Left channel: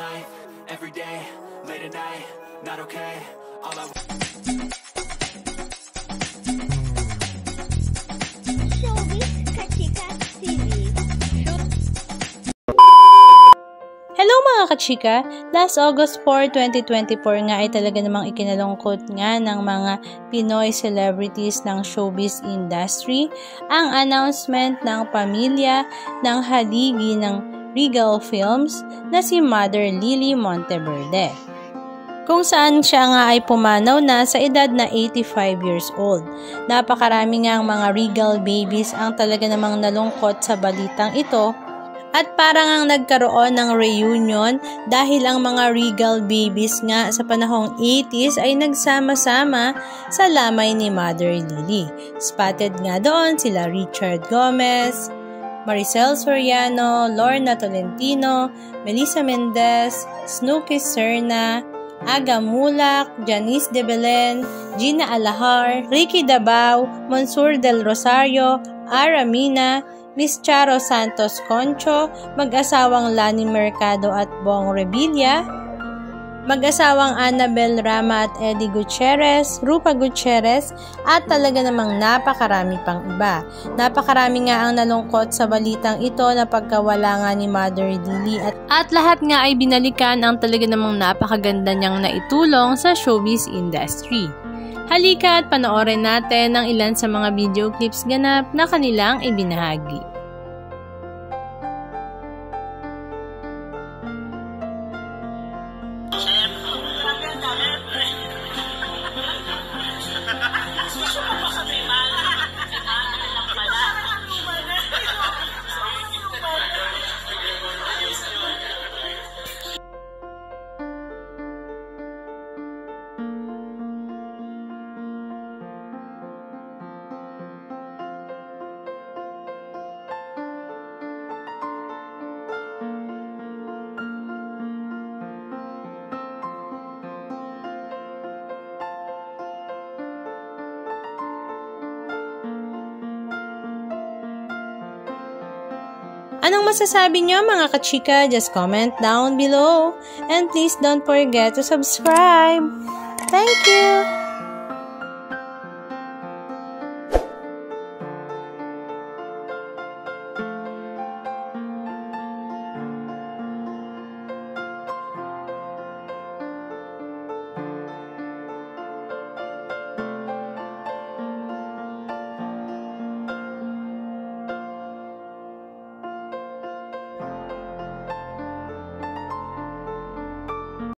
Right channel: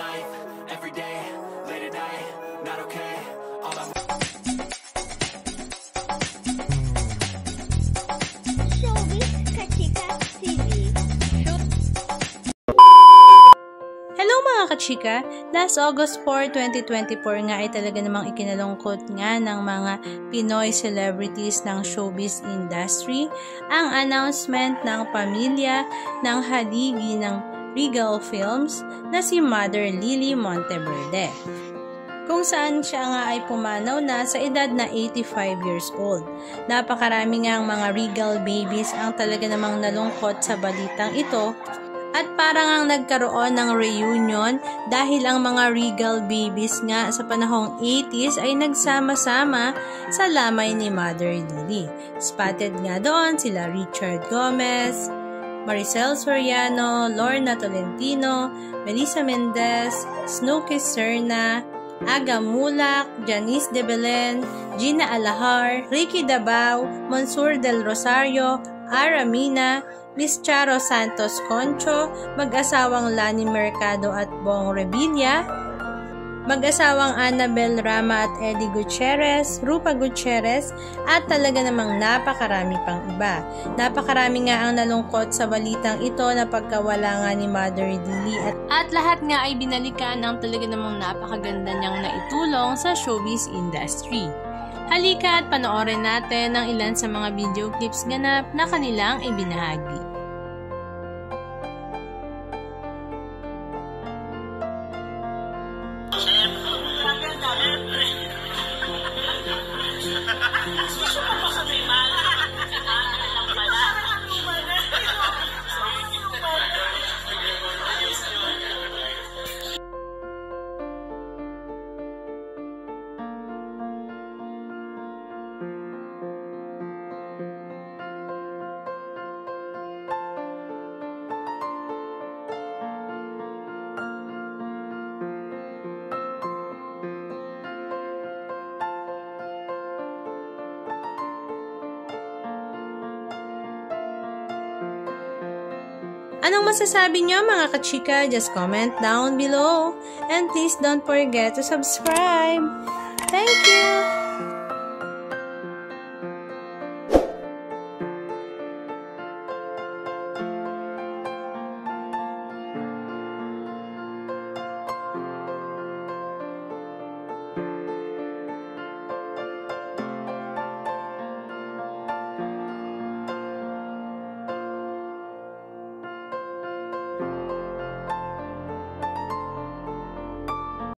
life, every day, late at night, not okay. All I Showbiz Kachika TV. Hello mga kachika! Last August 4, 2024 nga ay talaga namang ikinalungkot nga ng mga Pinoy celebrities ng showbiz industry ang announcement ng pamilya ng haligi ng Regal Films na si Mother Lily Monteverde, kung saan siya nga ay pumanaw na sa edad na 85 years old. Napakarami nga ang mga Regal babies ang talaga namang nalungkot sa balitang ito. At parang ang nagkaroon ng reunion dahil ang mga Regal babies nga sa panahong 80s ay nagsama-sama sa lamay ni Mother Lily. Spotted nga doon sila Richard Gomez, Maricel Soriano, Lorna Tolentino, Melissa Mendez, Snooki Serna, Aga Mulak, Janice de Belen, Gina Alahar, Ricky Dabao, Monsur del Rosario, Ara Mina, Miss Charo Santos Concho, mag-asawang Lani Mercado at Bong Revilla, mag-asawang Annabel Rama at Eddie Gutierrez, Rupa Gutierrez, at talaga namang napakarami pang iba. Napakarami nga ang nalungkot sa balitang ito na pagkawala nga ni Mother Lily at lahat nga ay binalikan ang talaga namang napakaganda niyang naitulong sa showbiz industry. Halika at panoorin natin ang ilan sa mga video clips ganap na kanilang ibinahagi. Anong masasabi niyo mga kachika? Just comment down below. And please don't forget to subscribe. Thank you!